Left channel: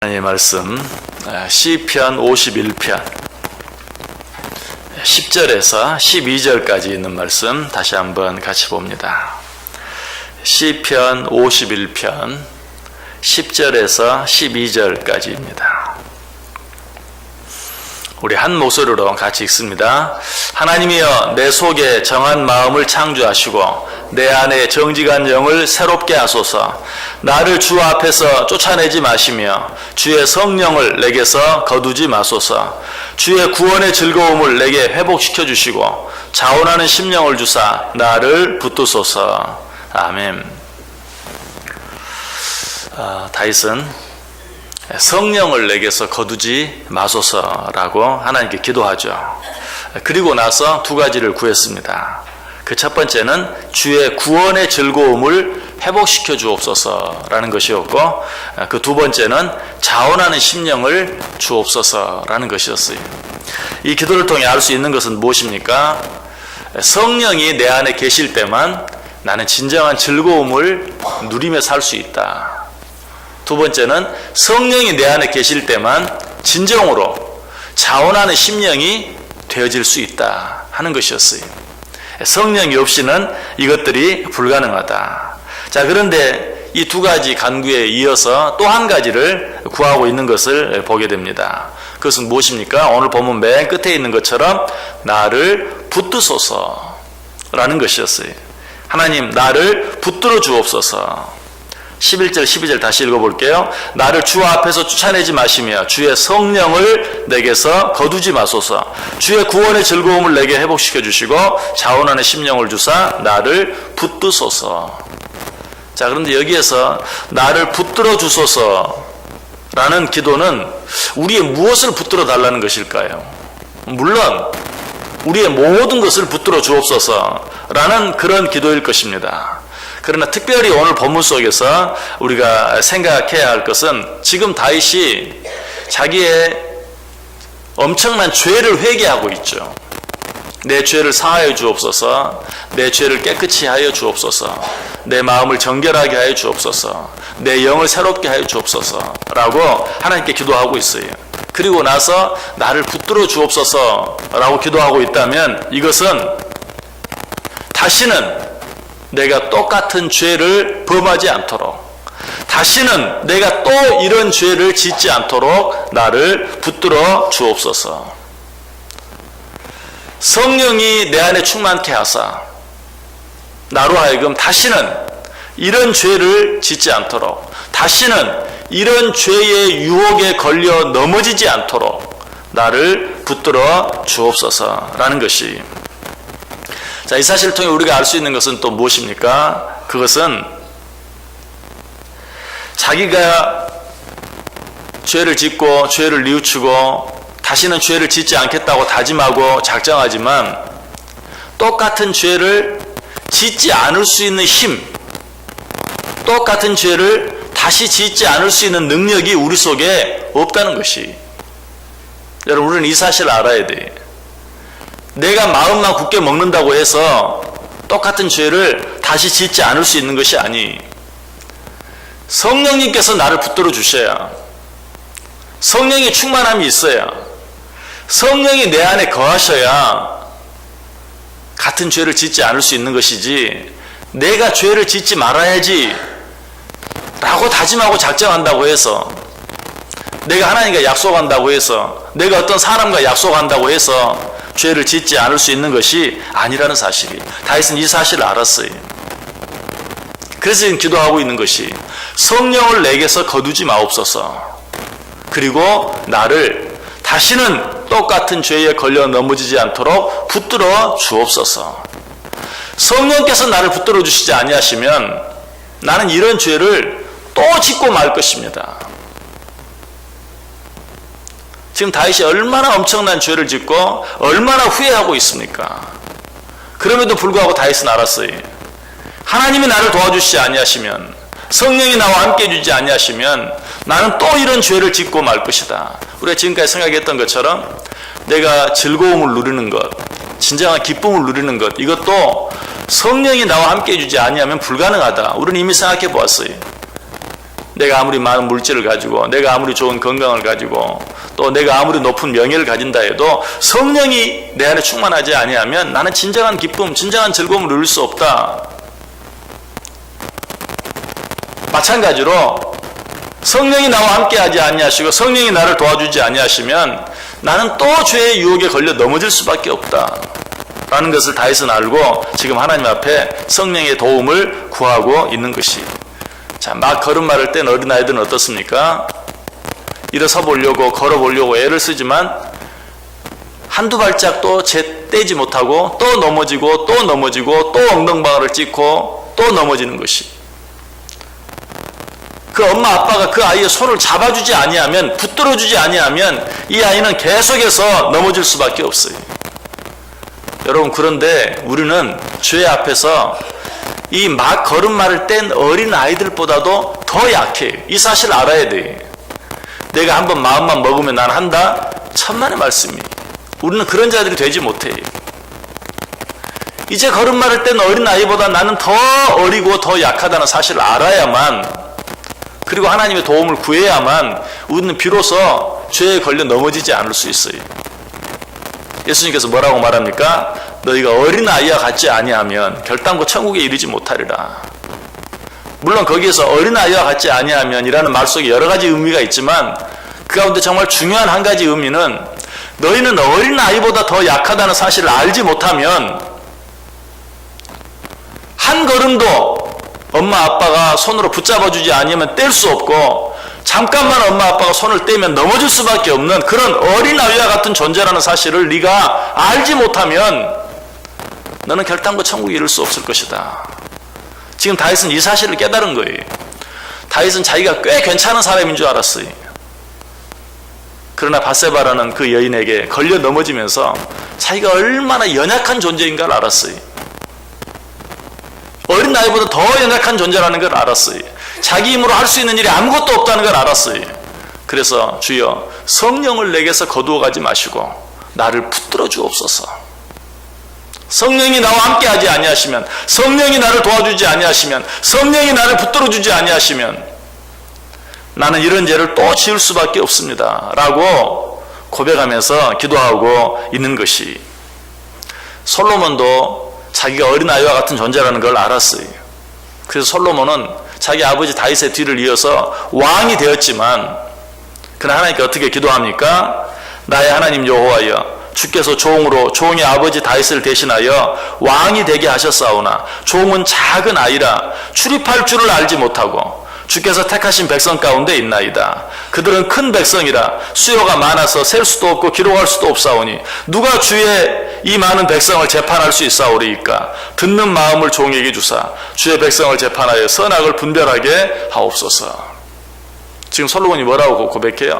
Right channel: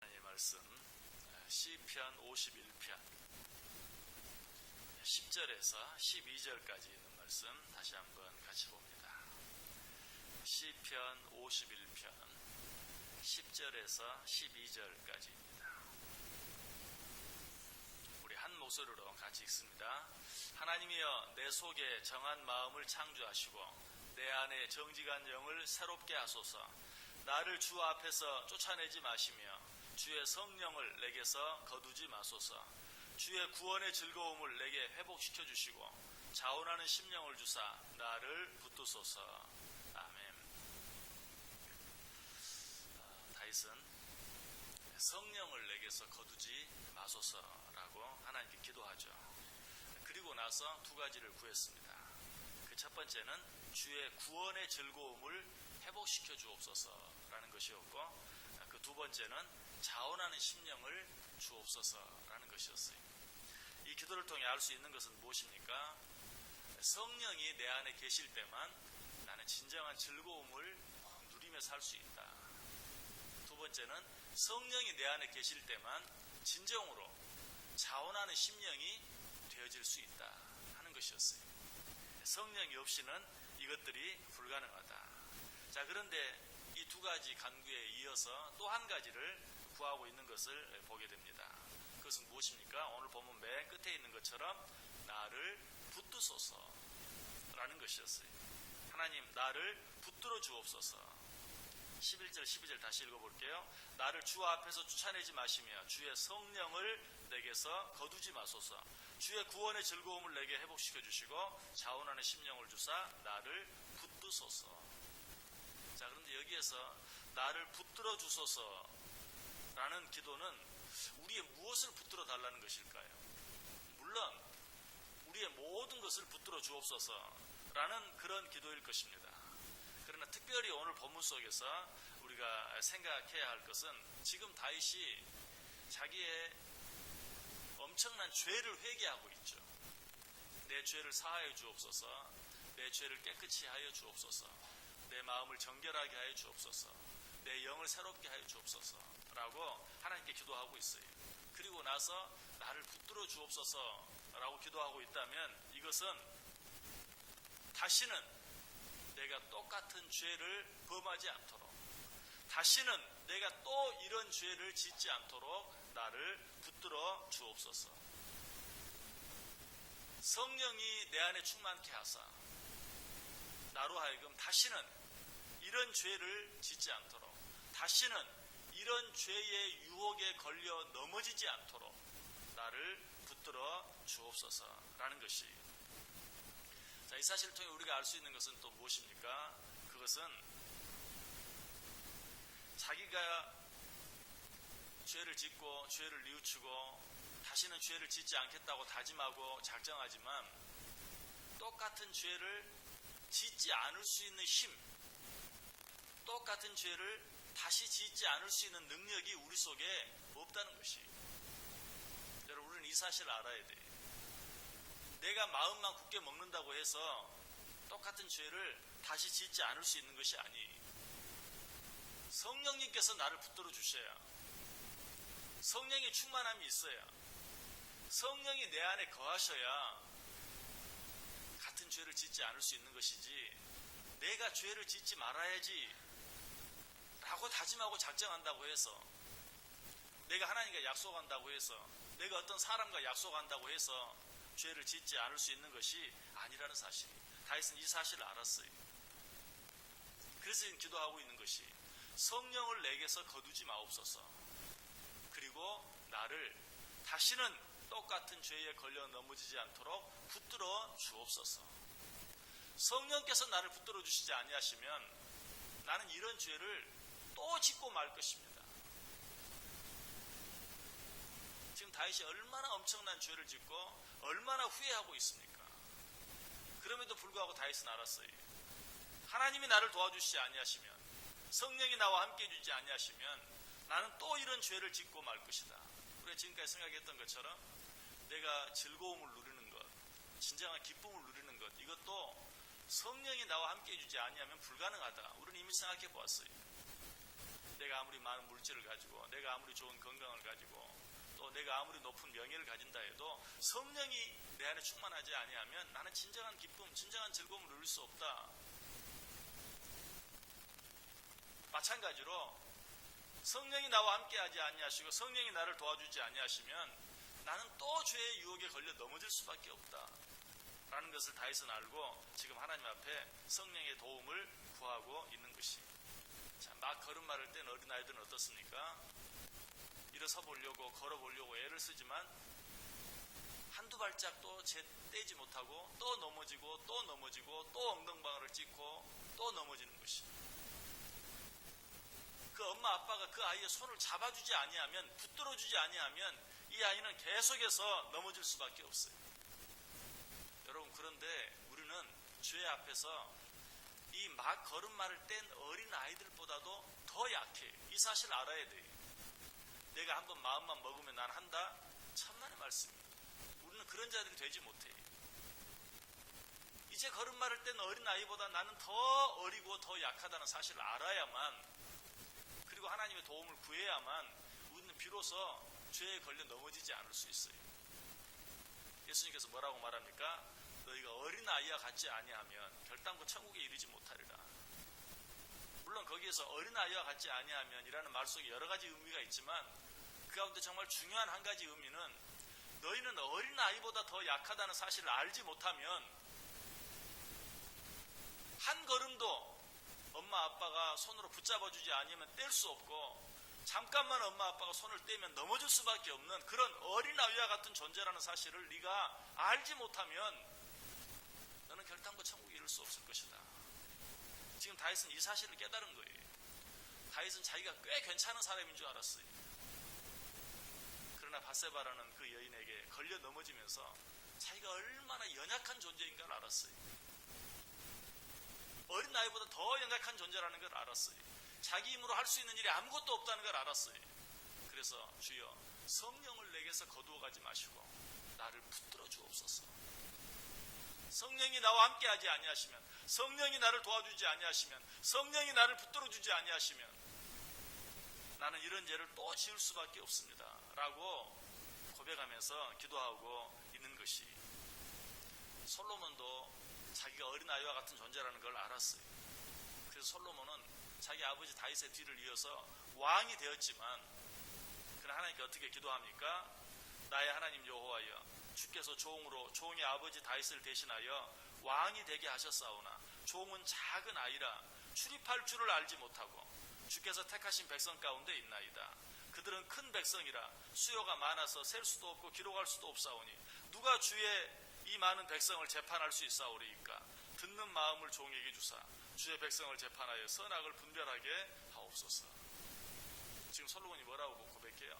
하나님의 말씀 시편 51편 10절에서 12절까지 있는 말씀 다시 한번 같이 봅니다. 시편 51편 10절에서 12절까지입니다. 우리 한 목소리로 같이 읽습니다. 하나님이여, 내 속에 정한 마음을 창조하시고 내 안에 정직한 영을 새롭게 하소서. 나를 주 앞에서 쫓아내지 마시며 주의 성령을 내게서 거두지 마소서. 주의 구원의 즐거움을 내게 회복시켜 주시고 자원하는 심령을 주사 나를 붙드소서. 아멘. 다윗은 성령을 내게서 거두지 마소서라고 하나님께 기도하죠. 그리고 나서 두 가지를 구했습니다. 그 첫 번째는 주의 구원의 즐거움을 회복시켜 주옵소서라는 것이었고, 그 두 번째는 자원하는 심령을 주옵소서라는 것이었어요. 이 기도를 통해 알 수 있는 것은 무엇입니까? 성령이 내 안에 계실 때만 나는 진정한 즐거움을 누리며 살 수 있다. 두 번째는 성령이 내 안에 계실 때만 진정으로 자원하는 심령이 되어질 수 있다 하는 것이었어요. 성령이 없이는 이것들이 불가능하다. 자, 그런데 이 두 가지 간구에 이어서 또 한 가지를 구하고 있는 것을 보게 됩니다. 그것은 무엇입니까? 오늘 본문 맨 끝에 있는 것처럼 나를 붙드소서라는 것이었어요. 하나님, 나를 붙들어 주옵소서. 11절 12절 다시 읽어볼게요. 나를 주 앞에서 쫓아내지 마시며 주의 성령을 내게서 거두지 마소서. 주의 구원의 즐거움을 내게 회복시켜 주시고 자원하는 심령을 주사 나를 붙드소서. 자, 그런데 여기에서 나를 붙들어 주소서라는 기도는 우리의 무엇을 붙들어 달라는 것일까요? 물론 우리의 모든 것을 붙들어 주옵소서라는 그런 기도일 것입니다. 그러나 특별히 오늘 본문 속에서 우리가 생각해야 할 것은 지금 다윗이 자기의 엄청난 죄를 회개하고 있죠. 내 죄를 사하여 주옵소서. 내 죄를 깨끗이 하여 주옵소서. 내 마음을 정결하게 하여 주옵소서. 내 영을 새롭게 하여 주옵소서 라고 하나님께 기도하고 있어요. 그리고 나서 나를 붙들어 주옵소서 라고 기도하고 있다면 이것은 다시는 내가 똑같은 죄를 범하지 않도록, 다시는 내가 또 이런 죄를 짓지 않도록 나를 붙들어 주옵소서. 성령이 내 안에 충만케 하사 나로 하여금 다시는 이런 죄를 짓지 않도록, 다시는 이런 죄의 유혹에 걸려 넘어지지 않도록 나를 붙들어 주옵소서라는 것이, 자, 이 사실을 통해 우리가 알 수 있는 것은 또 무엇입니까? 그것은 자기가 죄를 짓고 죄를 뉘우치고 다시는 죄를 짓지 않겠다고 다짐하고 작정하지만 똑같은 죄를 짓지 않을 수 있는 힘, 똑같은 죄를 다시 짓지 않을 수 있는 능력이 우리 속에 없다는 것이, 여러분, 우리는 이 사실을 알아야 돼요. 내가 마음만 굳게 먹는다고 해서 똑같은 죄를 다시 짓지 않을 수 있는 것이 아니, 성령님께서 나를 붙들어 주셔야, 성령의 충만함이 있어야, 성령이 내 안에 거하셔야 같은 죄를 짓지 않을 수 있는 것이지, 내가 죄를 짓지 말아야지 라고 다짐하고 작정한다고 해서, 내가 하나님과 약속한다고 해서, 내가 어떤 사람과 약속한다고 해서 죄를 짓지 않을 수 있는 것이 아니라는 사실이, 다윗은 이 사실을 알았어요. 그래서 지금 기도하고 있는 것이 성령을 내게서 거두지 마옵소서. 그리고 나를 다시는 똑같은 죄에 걸려 넘어지지 않도록 붙들어 주옵소서. 성령께서 나를 붙들어 주시지 아니하시면 나는 이런 죄를 또 짓고 말 것입니다. 지금 다윗이 얼마나 엄청난 죄를 짓고 얼마나 후회하고 있습니까? 그럼에도 불구하고 다윗은 알았어요. 하나님이 나를 도와주시지 아니하시면, 성령이 나와 함께 해주지 아니하시면 나는 또 이런 죄를 짓고 말 것이다. 우리가 지금까지 생각했던 것처럼 내가 즐거움을 누리는 것, 진정한 기쁨을 누리는 것, 이것도 성령이 나와 함께 해주지 아니하면 불가능하다. 우리는 이미 생각해 보았어요. 내가 아무리 많은 물질을 가지고, 내가 아무리 좋은 건강을 가지고, 또 내가 아무리 높은 명예를 가진다 해도 성령이 내 안에 충만하지 아니하면 나는 진정한 기쁨, 진정한 즐거움을 누릴 수 없다. 마찬가지로 성령이 나와 함께하지 아니하시고 성령이 나를 도와주지 아니하시면 나는 또 죄의 유혹에 걸려 넘어질 수밖에 없다 라는 것을 다윗은 알고 지금 하나님 앞에 성령의 도움을 구하고 있는 것이. 자, 막 걸음마를 뗀 어린아이들은 어떻습니까? 일어서 보려고 걸어보려고 애를 쓰지만 한두 발짝도 떼지 못하고 또 넘어지고 또 넘어지고 또 엉덩방아를 찍고 또 넘어지는 것이. 그 엄마 아빠가 그 아이의 손을 잡아주지 아니하면, 붙들어주지 아니하면 이 아이는 계속해서 넘어질 수밖에 없어요. 여러분, 그런데 우리는 죄 앞에서 이 막 걸음마를 뗀 어린 아이들보다도 더 약해요. 이 사실을 알아야 돼. 내가 한번 마음만 먹으면 난 한다? 천만의 말씀이. 우리는 그런 자들이 되지 못해요. 이제 걸음마를 뗀 어린 아이보다 나는 더 어리고 더 약하다는 사실을 알아야만, 그리고 하나님의 도움을 구해야만 우리는 비로소 죄에 걸려 넘어지지 않을 수 있어요. 예수님께서 뭐라고 말합니까? 너희가 어린아이와 같지 아니하면 결단코 천국에 이르지 못하리라. 물론 거기에서 어린아이와 같지 아니하면 이라는 말 속에 여러 가지 의미가 있지만 그 가운데 정말 중요한 한 가지 의미는 너희는 어린아이보다 더 약하다는 사실을 알지 못하면 한 걸음도 엄마 아빠가 손으로 붙잡아주지 않으면 뗄 수 없고, 잠깐만 엄마 아빠가 손을 떼면 넘어질 수밖에 없는 그런 어린아이와 같은 존재라는 사실을 네가 알지 못하면 너는 결단코 천국에 이를 수 없을 것이다. 지금 다윗은 이 사실을 깨달은 거예요. 다윗은 자기가 꽤 괜찮은 사람인 줄 알았어요. 그러나 밧세바라는 그 여인에게 걸려 넘어지면서 자기가 얼마나 연약한 존재인가를 알았어요. 어린 나이보다 더 연약한 존재라는 걸 알았어요. 자기 힘으로 할 수 있는 일이 아무것도 없다는 걸 알았어요. 그래서 주여, 성령을 내게서 거두어 가지 마시고 나를 붙들어 주옵소서. 성령이 나와 함께하지 아니하시면, 성령이 나를 도와주지 아니하시면, 성령이 나를 붙들어 주지 아니하시면 나는 이런 죄를 또 지을 수밖에 없습니다 라고 고백하면서 기도하고 있는 것이. 솔로몬도 자기가 어린아이와 같은 존재라는 걸 알았어요. 그래서 솔로몬은 자기 아버지 다윗의 뒤를 이어서 왕이 되었지만, 그러나 하나님께 어떻게 기도합니까? 나의 하나님 여호와여, 주께서 종의 아버지 다윗을 대신하여 왕이 되게 하셨사오나 종은 작은 아이라 출입할 줄을 알지 못하고 주께서 택하신 백성 가운데 있나이다. 그들은 큰 백성이라 수요가 많아서 셀 수도 없고 기록할 수도 없사오니 누가 주의 이 많은 백성을 재판할 수 있사오리이까. 듣는 마음을 종에게 주사 주의 백성을 재판하여 선악을 분별하게 하옵소서. 지금 솔로몬이 뭐라고 고백해요?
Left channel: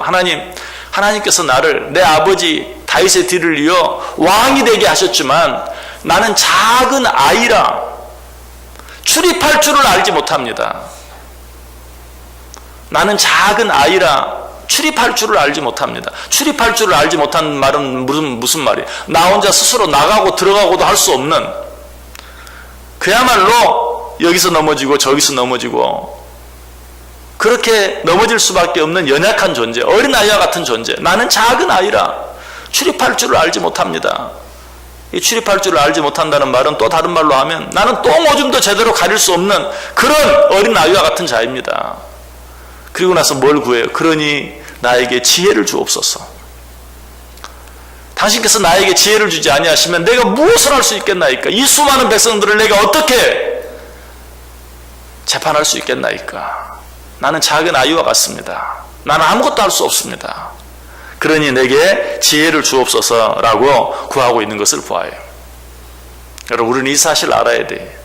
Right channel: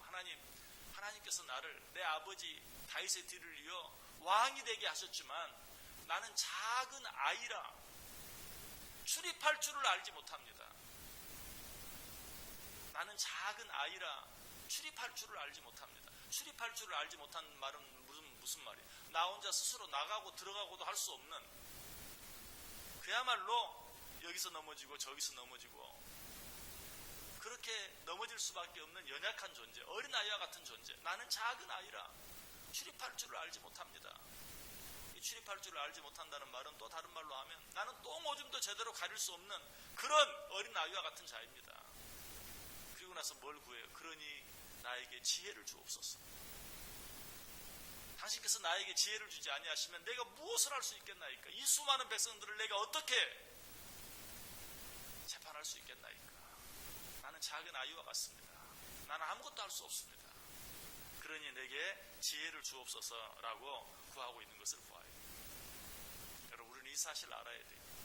하나님께서 나를 내 아버지 다윗의 뒤를 이어 왕이 되게 하셨지만 나는 작은 아이라 출입할 줄을 알지 못합니다. 나는 작은 아이라 출입할 줄을 알지 못합니다. 출입할 줄을 알지 못하는 말은 무슨 말이에요? 나 혼자 스스로 나가고 들어가고도 할 수 없는, 그야말로 여기서 넘어지고 저기서 넘어지고 그렇게 넘어질 수밖에 없는 연약한 존재, 어린아이와 같은 존재. 나는 작은 아이라 출입할 줄을 알지 못합니다. 이 출입할 줄을 알지 못한다는 말은 또 다른 말로 하면 나는 똥 오줌도 제대로 가릴 수 없는 그런 어린아이와 같은 자입니다. 그리고 나서 뭘 구해요? 그러니 나에게 지혜를 주옵소서. 당신께서 나에게 지혜를 주지 아니하시면 내가 무엇을 할 수 있겠나이까? 이 수많은 백성들을 내가 어떻게 재판할 수 있겠나이까? 나는 작은 아이와 같습니다. 나는 아무것도 할 수 없습니다. 그러니 내게 지혜를 주옵소서라고 구하고 있는 것을 보아요. 여러분, 우리는 이 사실을 알아야 돼.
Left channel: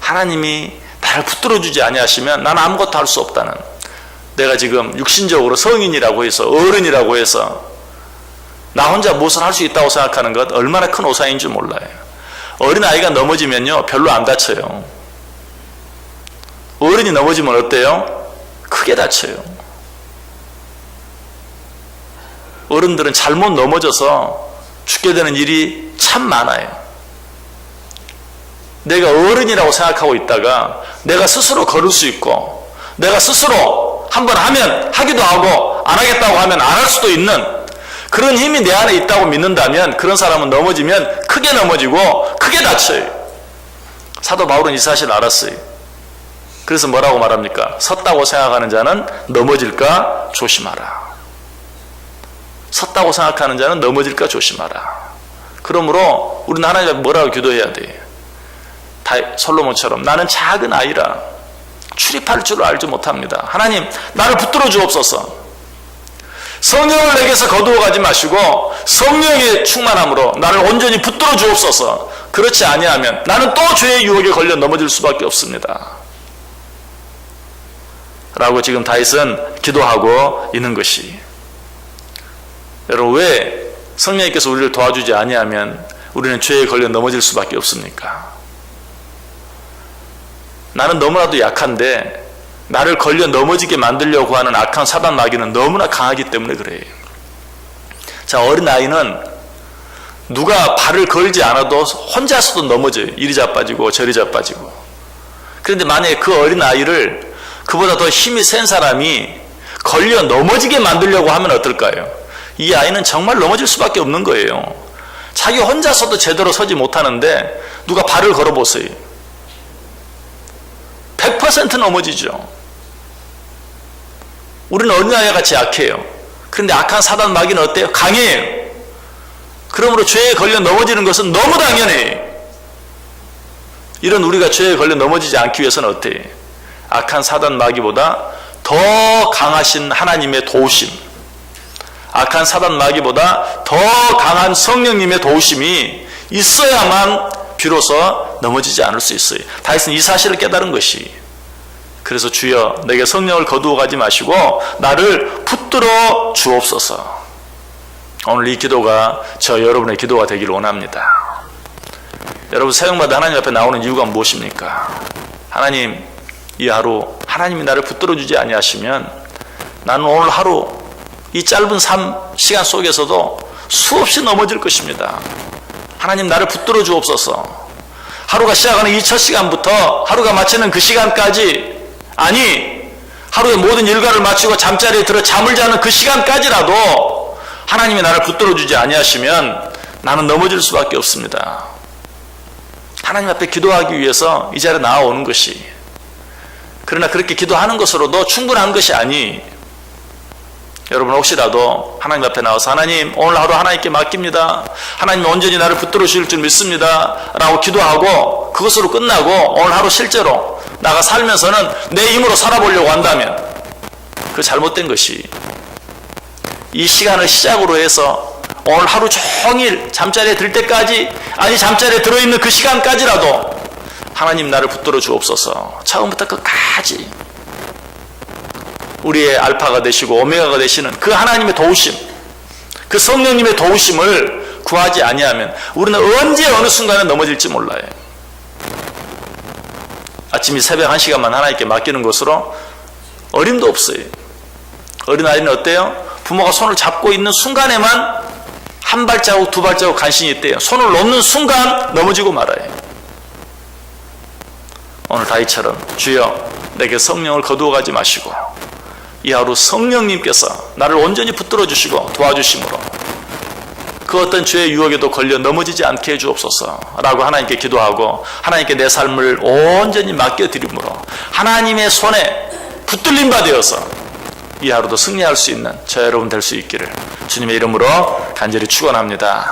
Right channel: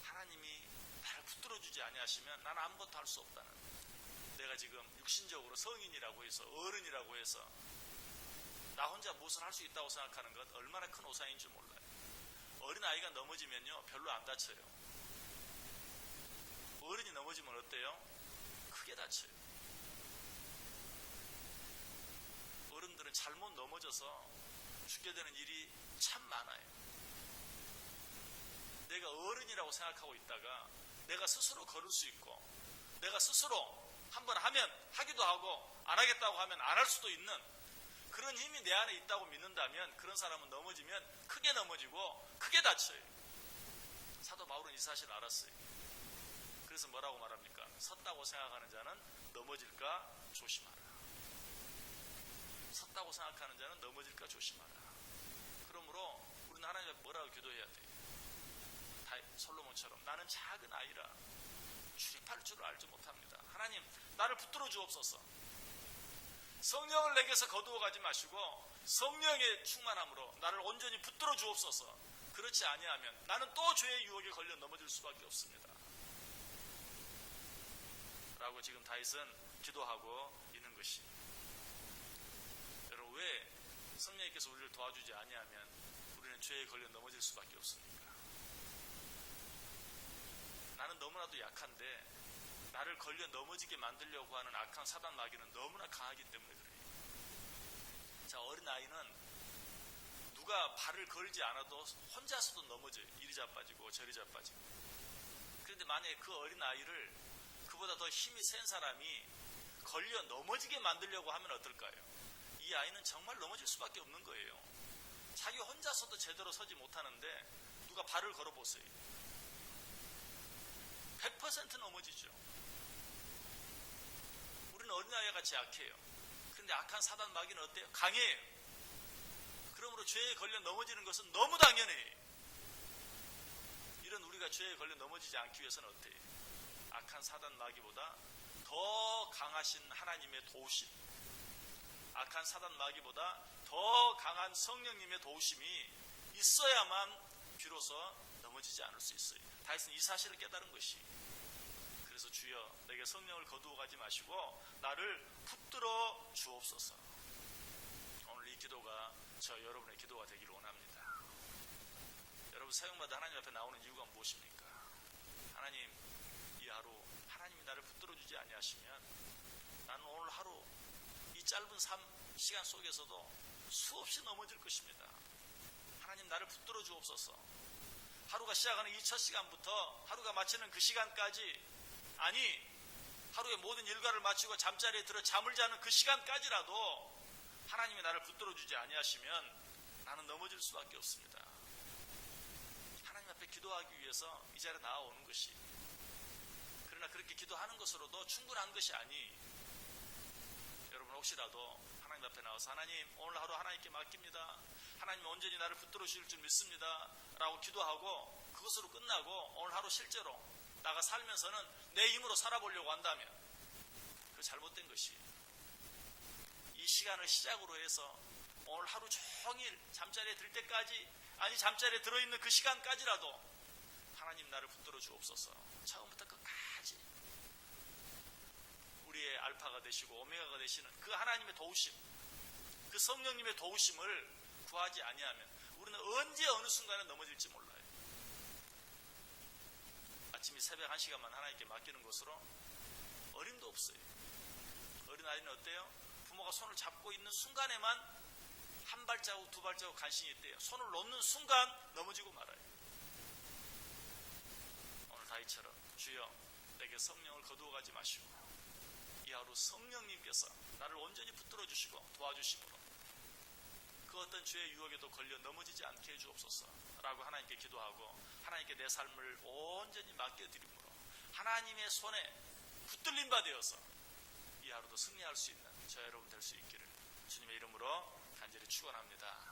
하나님이 나를 붙들어주지 아니하시면 나는 아무것도 할 수 없다는, 내가 지금 육신적으로 성인이라고 해서, 어른이라고 해서 나 혼자 무엇을 할 수 있다고 생각하는 것 얼마나 큰 오산인 줄 몰라요. 어린아이가 넘어지면요 별로 안 다쳐요. 어른이 넘어지면 어때요? 크게 다쳐요. 어른들은 잘못 넘어져서 죽게 되는 일이 참 많아요. 내가 어른이라고 생각하고 있다가 내가 스스로 걸을 수 있고 내가 스스로 한번 하면 하기도 하고 안 하겠다고 하면 안 할 수도 있는 그런 힘이 내 안에 있다고 믿는다면 그런 사람은 넘어지면 크게 넘어지고 크게 다쳐요. 사도 바울은 이 사실을 알았어요. 그래서 뭐라고 말합니까? 섰다고 생각하는 자는 넘어질까 조심하라. 섰다고 생각하는 자는 넘어질까 조심하라. 그러므로 우리는 하나님 앞에 뭐라고 기도해야 돼? 솔로몬처럼 나는 작은 아이라 출입할 줄 알지 못합니다. 하나님 나를 붙들어 주옵소서. 성령을 내게서 거두어 가지 마시고 성령의 충만함으로 나를 온전히 붙들어 주옵소서. 그렇지 아니하면 나는 또 죄의 유혹에 걸려 넘어질 수밖에 없습니다. 라고 지금 다윗은 기도하고 있는 것이. 여러분 왜 성령님께서 우리를 도와주지 아니하면 우리는 죄에 걸려 넘어질 수밖에 없습니까? 나는 너무나도 약한데 나를 걸려 넘어지게 만들려고 하는 악한 사단 마귀는 너무나 강하기 때문에 그래요. 자, 어린아이는 누가 발을 걸지 않아도 혼자서도 넘어져요. 이리 자빠지고 저리 자빠지고. 그런데 만약에 그 어린아이를 그보다 더 힘이 센 사람이 걸려 넘어지게 만들려고 하면 어떨까요? 이 아이는 정말 넘어질 수밖에 없는 거예요. 자기 혼자서도 제대로 서지 못하는데 누가 발을 걸어보세요. 100% 넘어지죠. 우리는 어린아이와 같이 약해요. 그런데 악한 사단 마귀는 어때요? 강해요. 그러므로 죄에 걸려 넘어지는 것은 너무 당연해요. 이런 우리가 죄에 걸려 넘어지지 않기 위해서는 어때요? 악한 사단 마귀보다 더 강하신 하나님의 도우심, 악한 사단 마귀보다 더 강한 성령님의 도우심이 있어야만 비로소 넘어지지 않을 수 있어요. 다윗은 이 사실을 깨달은 것이. 그래서 주여 내게 성령을 거두어 가지 마시고 나를 붙들어 주옵소서. 오늘 이 기도가 저 여러분의 기도가 되기를 원합니다. 여러분 사용마다 하나님 앞에 나오는 이유가 무엇입니까? 하나님 이 하루 하나님이 나를 붙들어 주지 아니하시면 나는 오늘 하루 이 짧은 시간 속에서도 수없이 넘어질 것입니다. 하나님 나를 붙들어 주옵소서. 하루가 시작하는 이 첫 시간부터 하루가 마치는 그 시간까지, 아니 하루의 모든 일과를 마치고 잠자리에 들어 잠을 자는 그 시간까지라도 하나님이 나를 붙들어 주지 아니하시면 나는 넘어질 수밖에 없습니다. 하나님 앞에 기도하기 위해서 이 자리에 나와오는 것이, 그러나 그렇게 기도하는 것으로도 충분한 것이 아니, 여러분 혹시라도 하나님 앞에 나와서 하나님 오늘 하루 하나님께 맡깁니다, 하나님 온전히 나를 붙들어 주실 줄 믿습니다 라고 기도하고 그것으로 끝나고 오늘 하루 실제로 나가 살면서는 내 힘으로 살아보려고 한다면 그 잘못된 것이, 이 시간을 시작으로 해서 오늘 하루 종일 잠자리에 들 때까지, 아니 잠자리에 들어있는 그 시간까지라도 하나님 나를 붙들어 주옵소서. 처음부터 끝까지 우리의 알파가 되시고 오메가가 되시는 그 하나님의 도우심, 그 성령님의 도우심을 구하지 아니하면 우리는 언제 어느 순간에 넘어질지 몰라요. 아침 이 새벽 1시간만 하나님께 맡기는 것으로 어림도 없어요. 어린아이는 어때요? 부모가 손을 잡고 있는 순간에만 한 발자국 두 발자국 간신히 있대요. 손을 놓는 순간 넘어지고 말아요. 오늘 다윗처럼 주여 내게 성령을 거두어 가지 마시고 이 하루 성령님께서 나를 온전히 붙들어 주시고 도와주심으로 그 어떤 죄의 유혹에도 걸려 넘어지지 않게 해주옵소서 라고 하나님께 기도하고 하나님께 내 삶을 온전히 맡겨드림으로 하나님의 손에 붙들림 바 되어서 이 하루도 승리할 수 있는 저 여러분 될 수 있기를 주님의 이름으로 간절히 축원합니다.